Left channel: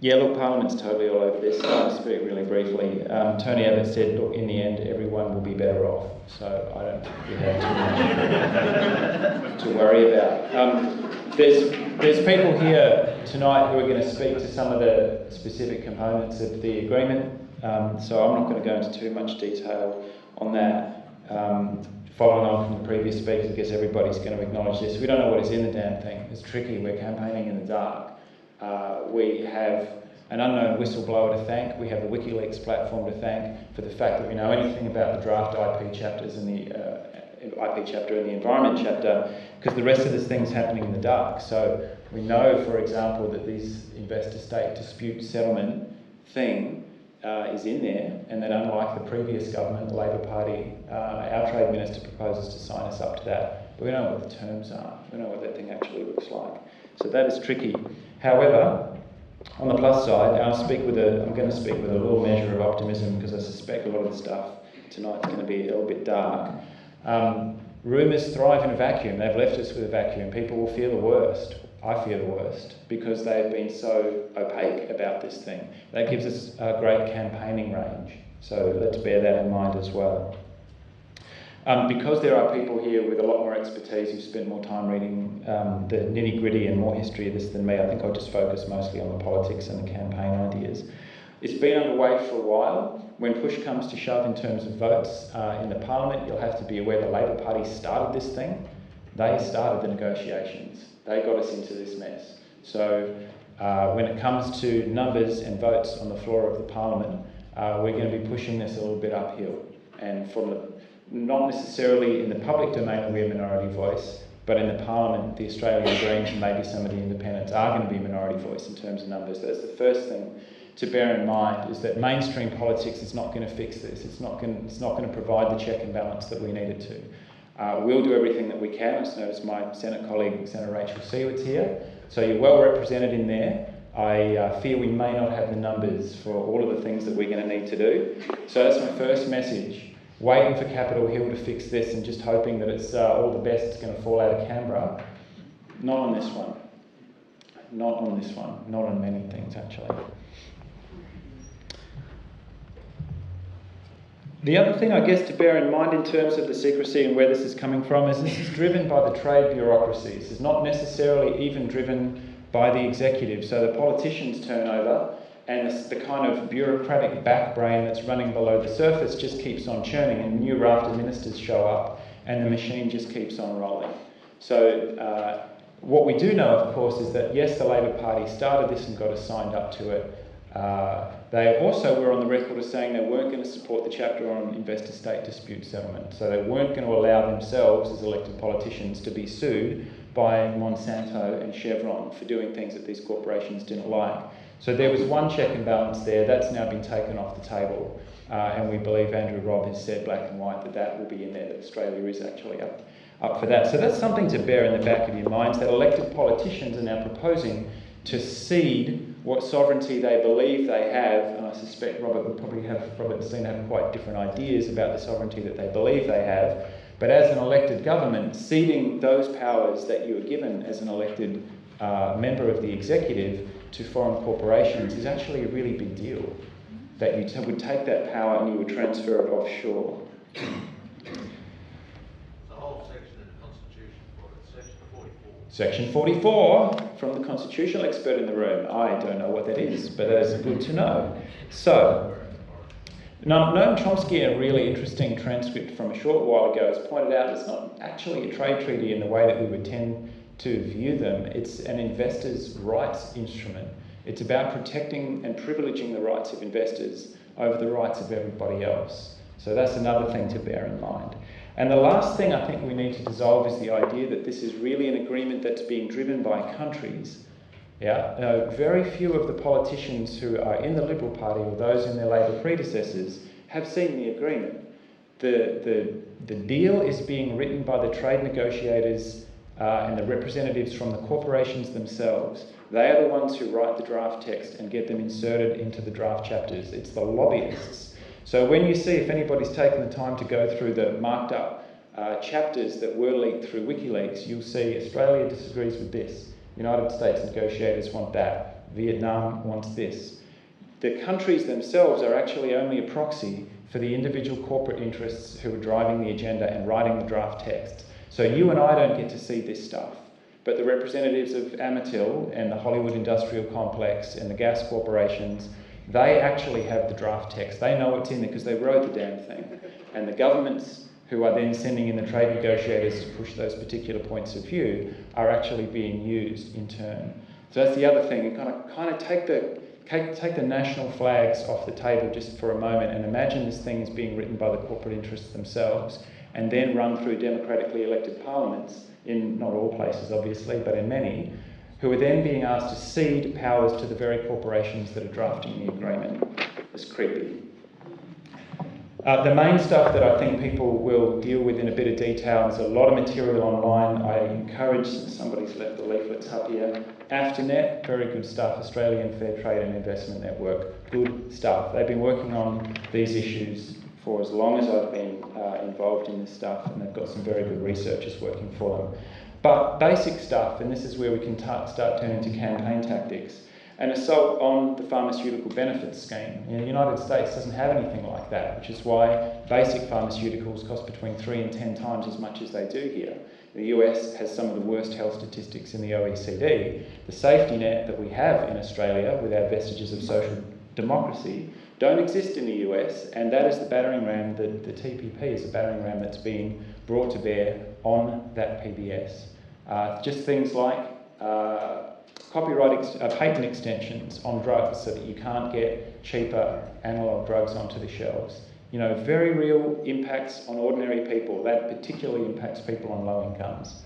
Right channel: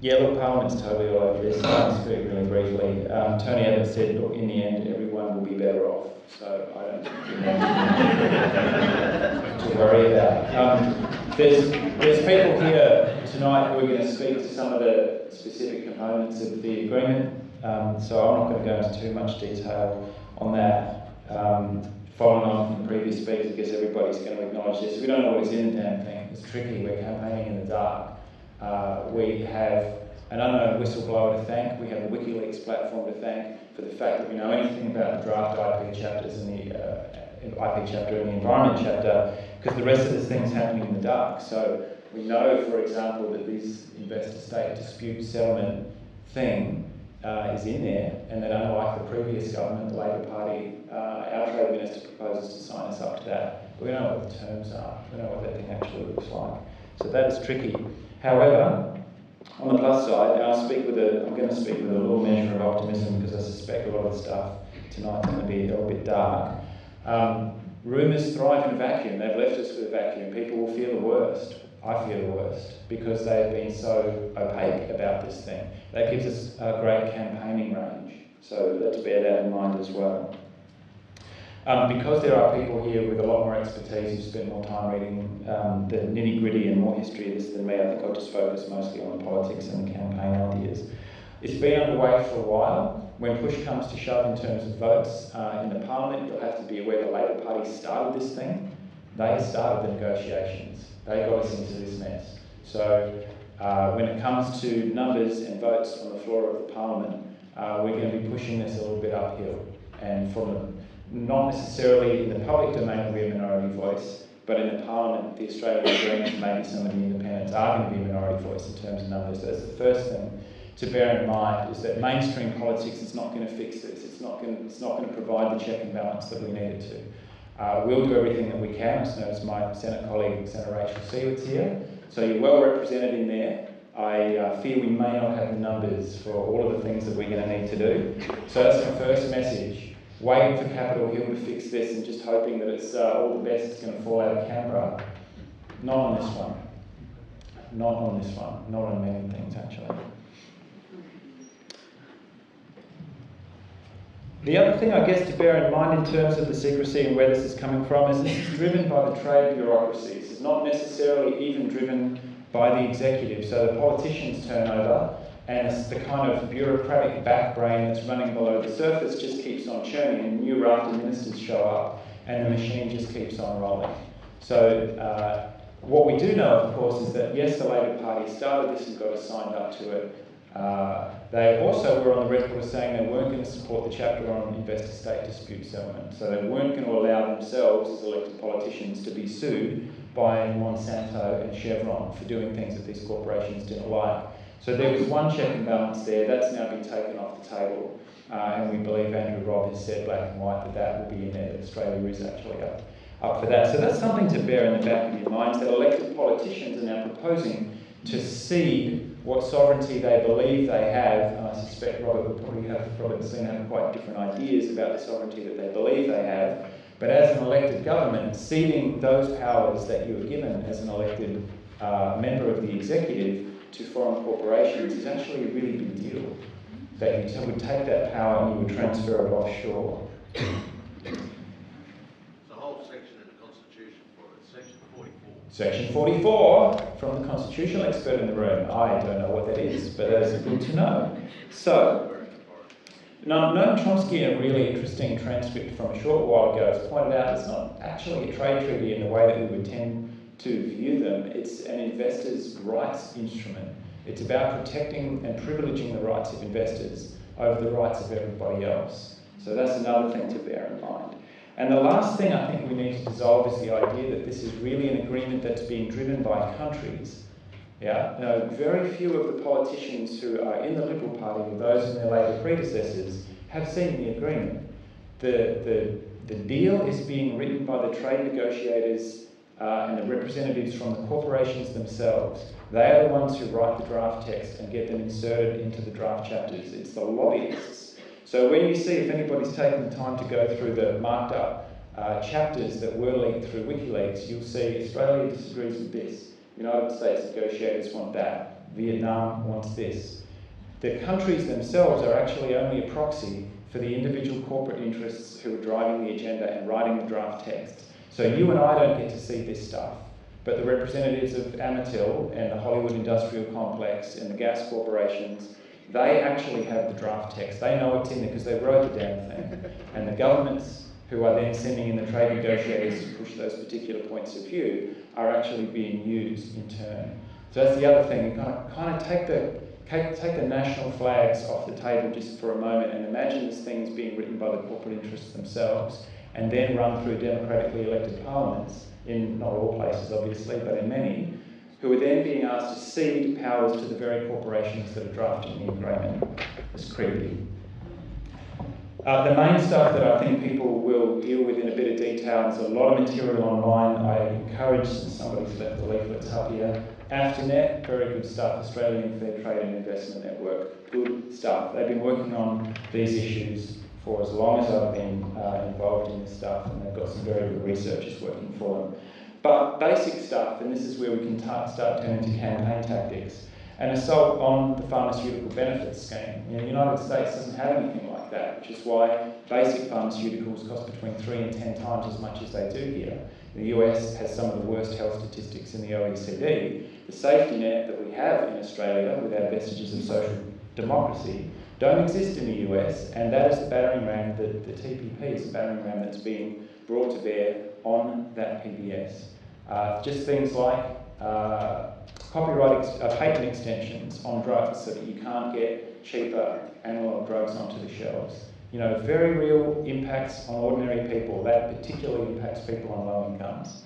Yeah, look, Parliament's totally all over this. I'll speak really briefly. Tony Abbott said, look, in the end, everyone will be better off. So I don't think we have to worry about. There's people here tonight who are going to speak to some of the specific components of the agreement. So I'm not going to go into too much detail on that. Following on from the previous speakers, I guess everybody's going to acknowledge this. We don't know what is in the damn thing. It's tricky. We're campaigning in the dark. We have an unknown whistleblower to thank. We have a WikiLeaks platform to thank for the fact that we know anything about the draft IP chapters and the IP chapter and the environment chapter, because the rest of this thing's happening in the dark. So we know, for example, that this investor-state dispute settlement thing is in there, and that unlike the previous government, the Labor Party, our Trade Minister proposes to sign us up to that. But we don't know what the terms are. We don't know what that thing actually looks like. So that is tricky. However, on the plus side, I'm going to speak with a little measure of optimism, because I suspect a lot of the stuff tonight's going to be a little bit dark. Rumours thrive in a vacuum. They've left us with a vacuum. People will fear the worst. I fear the worst, because they've been so opaque about this thing. That gives us a great campaigning range. So let's bear that in mind as well. Because there are people here with a lot more expertise who've spent more time reading the nitty-gritty and more history of this than me, I think I'll just focus mostly on the politics and the campaign ideas. It's been underway for a while. When push comes to shove in terms of votes in the Parliament, you'll have to be aware the Labor Party started this thing. They started the negotiations. They got us into this mess. So when it comes to numbers and votes on the floor of the Parliament, we're going to be pushing this a little bit uphill. And from not necessarily in the public domain will be a minority voice, but in the Parliament, the Australian Greens, maybe some of the independents are going to be a minority voice in terms of numbers. That's the first thing to bear in mind, is that mainstream politics is not going to fix this. It's not going to provide the check and balance that we need it to. We'll do everything that we can. I notice my Senate colleague, Senator Rachel Siewart's here, so you're well represented in there. I fear we may not have the numbers for all of the things that we're going to need to do. So that's my first message. Waiting for Capitol Hill to fix this and just hoping that it's all the best is going to fall out of Canberra. Not on this one. Not on this one. Not on many things, actually. The other thing, I guess, to bear in mind in terms of the secrecy and where this is coming from is this is driven by the trade bureaucracy. This is not necessarily even driven by the executive. So the politicians' turnover and the kind of bureaucratic backbrain that's running below the surface just keeps on churning, and new raft of ministers show up and the machine just keeps on rolling. So what we do know, of course, is that yes, the Labor Party started this and got us signed up to it. They also were on the record as saying they weren't going to support the chapter on investor-state dispute settlement. So they weren't going to allow themselves as elected politicians to be sued by Monsanto and Chevron for doing things that these corporations didn't like. So there was one check and balance there. That's now been taken off the table. And we believe Andrew Robb has said black and white that that will be in there, that Australia is actually up for that. So that's something to bear in the back of your minds, that elected politicians are now proposing to cede what sovereignty they believe they have. And I suspect Robert and Selina have quite different ideas about the sovereignty that they believe they have. But as an elected government, ceding those powers that you are given as an elected member of the executive to foreign corporations is actually a really big deal. That you would take that power and you would transfer it offshore. There's a whole section in the Constitution for it, Section 44. Section 44, from the constitutional expert in the room. I don't know what that is, but that is good to know. So, Noam Chomsky, in a really interesting transcript from a short while ago, has pointed out it's not actually a trade treaty in the way that we would tend to view them. It's an investor's rights instrument. It's about protecting and privileging the rights of investors over the rights of everybody else. So that's another thing to bear in mind. And the last thing I think we need to dissolve is the idea that this is really an agreement that's being driven by countries. Very few of the politicians who are in the Liberal Party or those in their Labor predecessors have seen the agreement. The deal is being written by the trade negotiators and the representatives from the corporations themselves. They are the ones who write the draft text and get them inserted into the draft chapters. It's the lobbyists. So when you see, if anybody's taken the time to go through the marked up chapters that were leaked through WikiLeaks, you'll see Australia disagrees with this. United States negotiators want that. Vietnam wants this. The countries themselves are actually only a proxy for the individual corporate interests who are driving the agenda and writing the draft text. So you and I don't get to see this stuff, but the representatives of Amatil and the Hollywood Industrial Complex and the gas corporations, they actually have the draft text. They know what's in there because they wrote the damn thing. And the governments who are then sending in the trade negotiators to push those particular points of view are actually being used in turn. So that's the other thing. You kind of take the national flags off the table just for a moment and imagine this thing is being written by the corporate interests themselves and then run through democratically elected parliaments, in not all places obviously, but in many, who are then being asked to cede powers to the very corporations that are drafting the agreement. It's creepy. The main stuff that I think people will deal with in a bit of detail, there's a lot of material online. I encourage, somebody's left the leaflets up here, AFTRNet, very good stuff, Australian Fair Trade and Investment Network, good stuff. They've been working on these issues for as long as I've been involved in this stuff, and they've got some very good researchers working for them. But basic stuff, and this is where we can start turning to campaign tactics, an assault on the pharmaceutical benefits scheme. You know, the United States doesn't have anything like that, which is why basic pharmaceuticals cost between 3 and 10 times as much as they do here. The US has some of the worst health statistics in the OECD. The safety net that we have in Australia, with our vestiges of social democracy, don't exist in the US, and that is the battering ram, the TPP is the battering ram that's being brought to bear on that PBS. Just things like patent extensions on drugs so that you can't get cheaper analogue drugs onto the shelves. You know, very real impacts on ordinary people. That particularly impacts people on low incomes.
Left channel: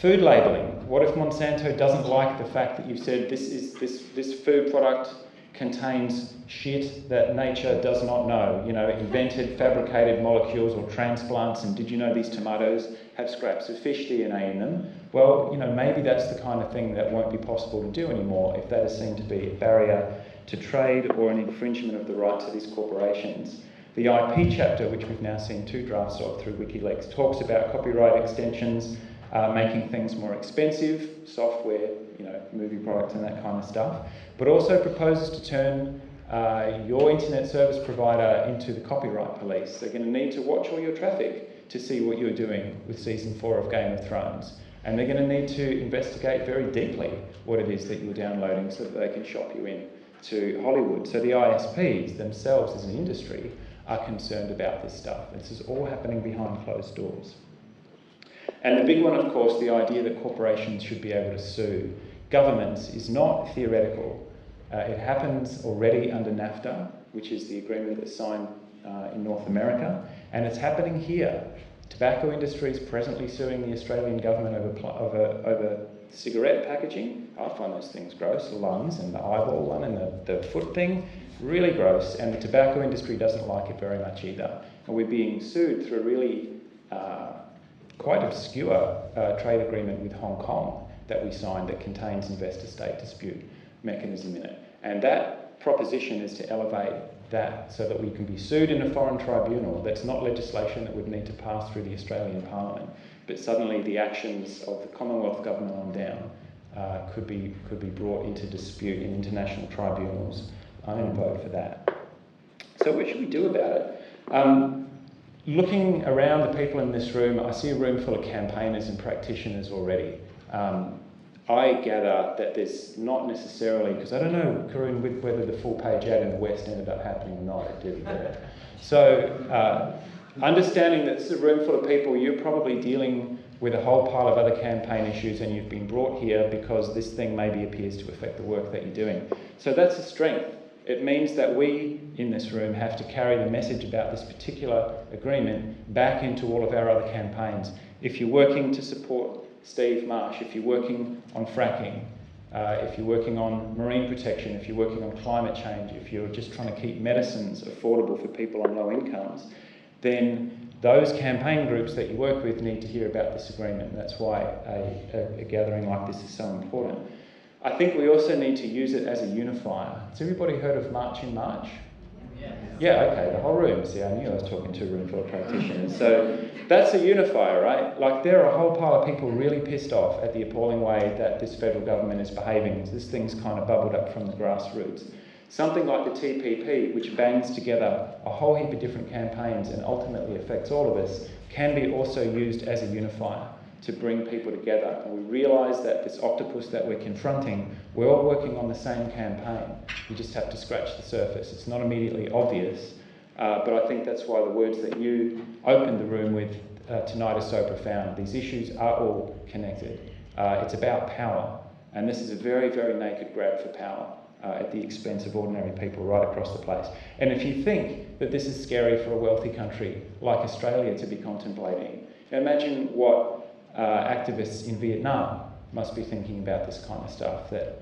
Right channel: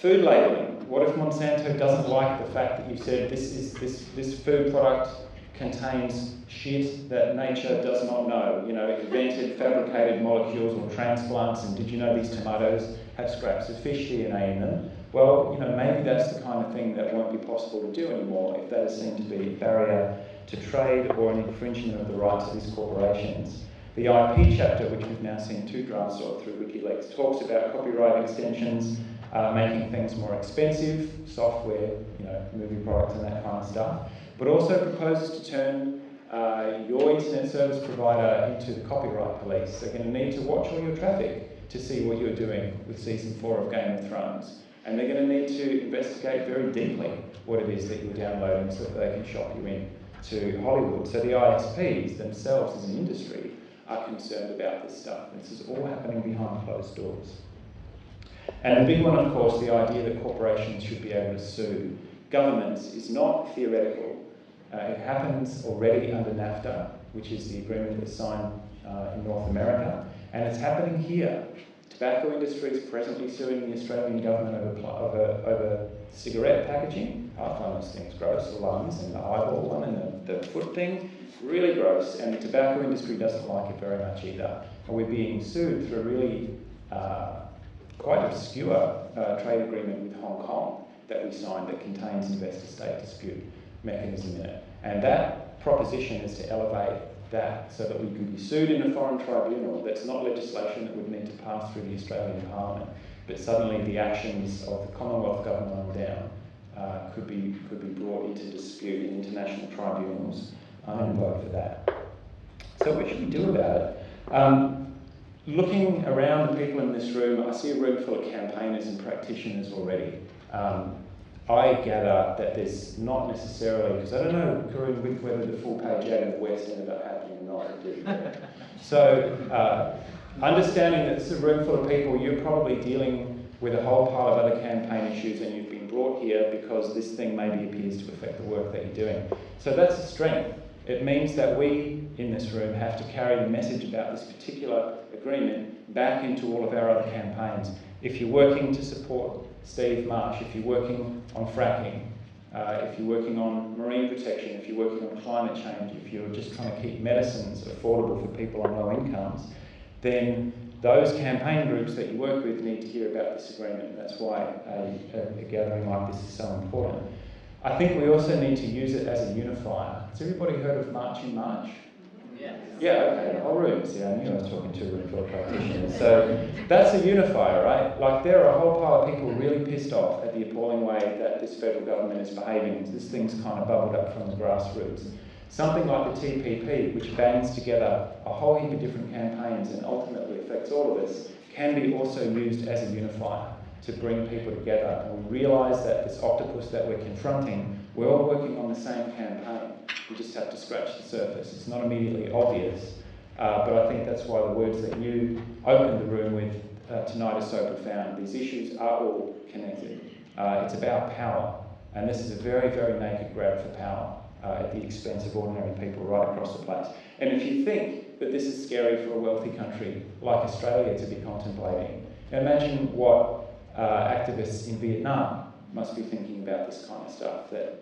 Food labelling. What if Monsanto doesn't like the fact that you've said this food product contains shit that nature does not know? You know, invented, fabricated molecules or transplants, and did you know these tomatoes have scraps of fish DNA in them? Well, you know, maybe that's the kind of thing that won't be possible to do anymore if that is seen to be a barrier to trade or an infringement of the rights of these corporations. The IP chapter, which we've now seen 2 drafts of through WikiLeaks, talks about copyright extensions, making things more expensive, software, you know, movie products and that kind of stuff, but also proposes to turn your internet service provider into the copyright police. They're going to need to watch all your traffic to see what you're doing with season 4 of Game of Thrones. And they're going to need to investigate very deeply what it is that you're downloading so that they can shop you in to Hollywood. So the ISPs themselves as an industry are concerned about this stuff. This is all happening behind closed doors. And the big one, of course, the idea that corporations should be able to sue governments is not theoretical. It happens already under NAFTA, which is the agreement that's signed in North America, and it's happening here. Tobacco industry is presently suing the Australian government over cigarette packaging. I find those things gross, the lungs and the eyeball one and the foot thing, really gross, and the tobacco industry doesn't like it very much either. And we're being sued through a really quite obscure trade agreement with Hong Kong that we signed that contains investor-state dispute mechanism in it. And that proposition is to elevate that so that we can be sued in a foreign tribunal. That's not legislation that would need to pass through the Australian Parliament, but suddenly the actions of the Commonwealth Government on down could be brought into dispute in international tribunals. I'm going to vote for that. So what should we do about it? Looking around the people in this room, I see a room full of campaigners and practitioners already. I gather that there's not necessarily, because I don't know, Karun, whether the full-page ad in the West ended up happening or not, did it? So, understanding that it's a room full of people, you're probably dealing with a whole pile of other campaign issues and you've been brought here because this thing maybe appears to affect the work that you're doing. So that's a strength. It means that we, in this room, have to carry the message about this particular agreement back into all of our other campaigns. If you're working to support Steve Marsh, if you're working on fracking, if you're working on marine protection, if you're working on climate change, if you're just trying to keep medicines affordable for people on low incomes, then those campaign groups that you work with need to hear about this agreement. And that's why a gathering like this is so important. I think we also need to use it as a unifier. Has everybody heard of March in March? Yeah, okay, the whole room. See, I knew I was talking to a room full of practitioners. So that's a unifier, right? Like, there are a whole pile of people really pissed off at the appalling way that this federal government is behaving. This thing's kind of bubbled up from the grassroots. Something like the TPP, which bands together a whole heap of different campaigns and ultimately affects all of us, can be also used as a unifier to bring people together. And we realise that this octopus that we're confronting, we're all working on the same campaign. You just have to scratch the surface. It's not immediately obvious, but I think that's why the words that you opened the room with tonight are so profound. These issues are all connected. It's about power, and this is a very, very naked grab for power at the expense of ordinary people right across the place. And if you think that this is scary for a wealthy country like Australia to be contemplating, imagine what activists in Vietnam must be thinking about this kind of stuff, that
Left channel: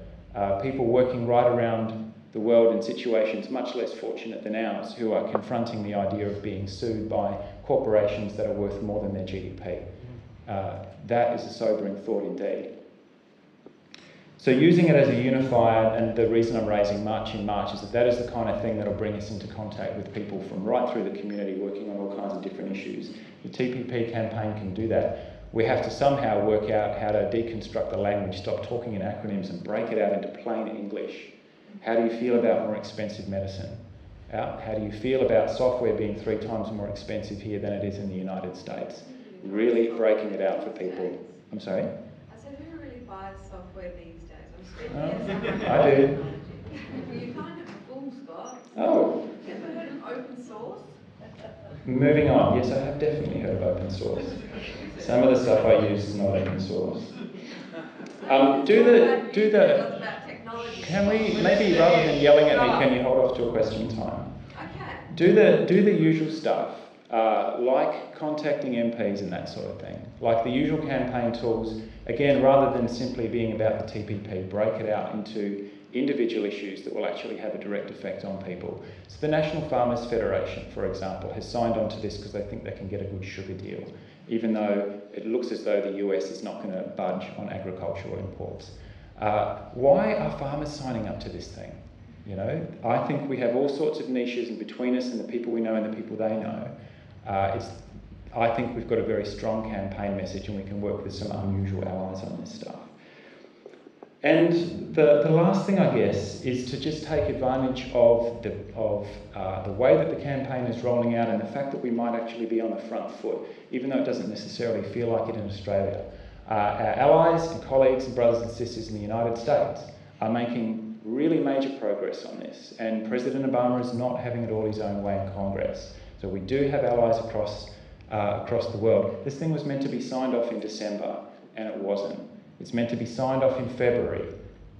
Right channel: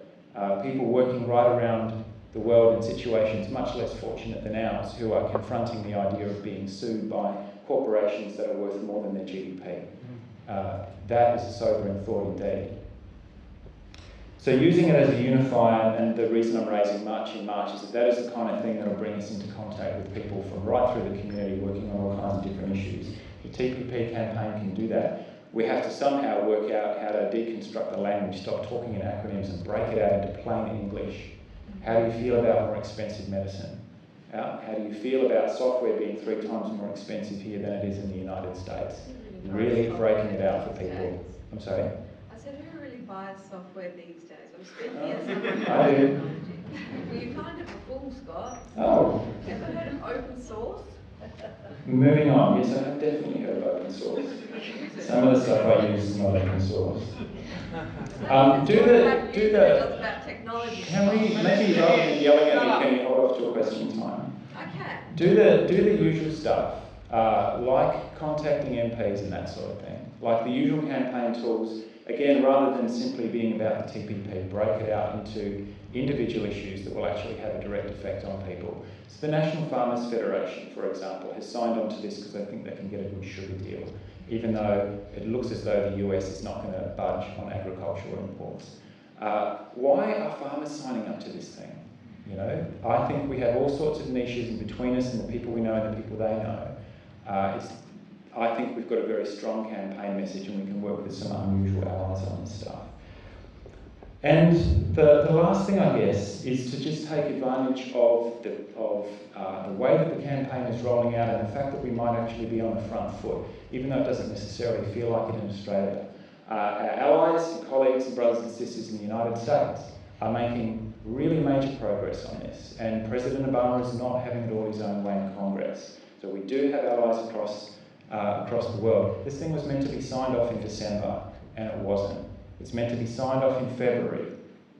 people working right around the world in situations much less fortunate than ours, who are confronting the idea of being sued by corporations that are worth more than their GDP. That is a sobering thought indeed. So using it as a unifier, and the reason I'm raising March in March is that that is the kind of thing that will bring us into contact with people from right through the community working on all kinds of different issues. The TPP campaign can do that. We have to somehow work out how to deconstruct the language, stop talking in acronyms and break it out into plain English. How do you feel about more expensive medicine? How do you feel about software being 3 times more expensive here than it is in the United States? Really breaking it out for people. I'm sorry? I said, who really buys software these days? I'm speaking as I do. Well, you're kind of a fool, Scott. Oh. Ever heard of open source? Moving on. Yes, I have definitely heard of open source. Some of the stuff I use is not open source. Can we, maybe rather than yelling at me, can you hold off to a question time? I can. Do the usual stuff, like contacting MPs and that sort of thing. Like the usual campaign tools, again, rather than simply being about the TPP, break it out into individual issues that will actually have a direct effect on people. So the National Farmers Federation, for example, has signed on to this because they think they can get a good sugar deal, even though it looks as though the US is not going to budge on agricultural imports. Why are farmers signing up to this thing? You know, I think we have all sorts of niches in between us and the people we know and the people they know. I think we've got a very strong campaign message and we can work with some unusual allies on this stuff. And the last thing, I guess, is to just take advantage of the way that the campaign is rolling out and the fact that we might actually be on the front foot, even though it doesn't necessarily feel like it in Australia. Our allies and colleagues and brothers and sisters in the United States are making really major progress on this, and President Obama is not having it all his own way in Congress. So we do have allies across the world. This thing was meant to be signed off in December, and it wasn't. It's meant to be signed off in February.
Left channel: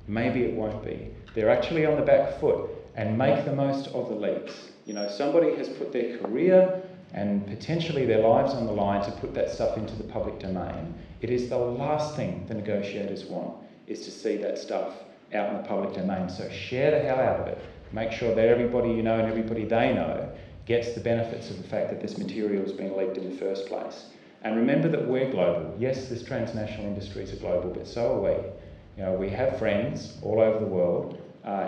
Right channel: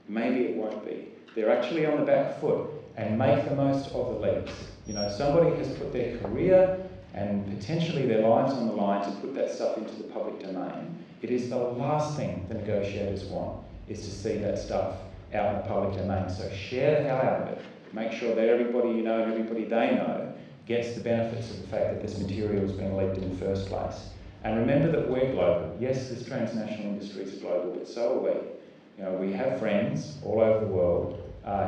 Maybe it won't be. They're actually on the back foot, and make the most of the leaks. You know, somebody has put their career and potentially their lives on the line to put that stuff into the public domain. It is the last thing the negotiators want, is to see that stuff out in the public domain. So share the hell out of it. Make sure that everybody you know and everybody they know gets the benefits of the fact that this material has been leaked in the first place. And remember that we're global. Yes, this transnational industries are global, but so are we. You know, we have friends all over the world,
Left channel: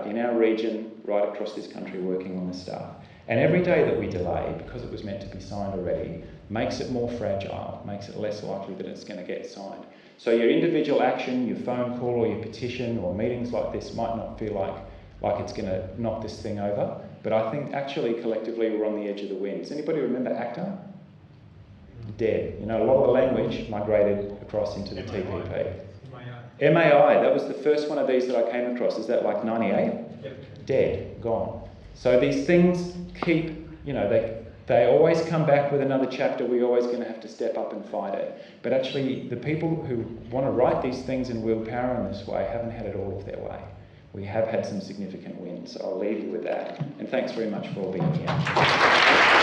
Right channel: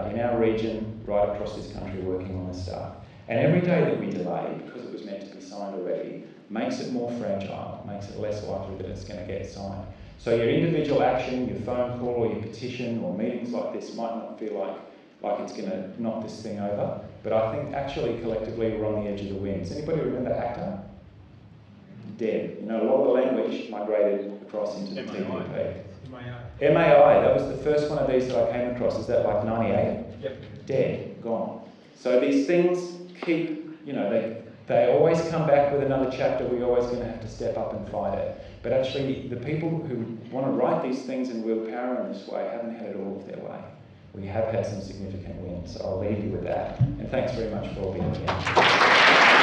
in our region, right across this country, working on this stuff. And every day that we delay, because it was meant to be signed already, makes it more fragile, makes it less likely that it's going to get signed. So your individual action, your phone call or your petition or meetings like this might not feel like it's going to knock this thing over, but I think actually collectively we're on the edge of the wind. Does anybody remember ACTA? Dead. You know, a lot of the language migrated across into the TPP. MAI, that was the first one of these that I came across. Is that like 98? Yep. Dead, gone. So these things keep, you know, they always come back with another chapter. We're always going to have to step up and fight it. But actually, the people who want to write these things and wield power in this way haven't had it all of their way. We have had some significant wins, so I'll leave you with that. And thanks very much for all being here.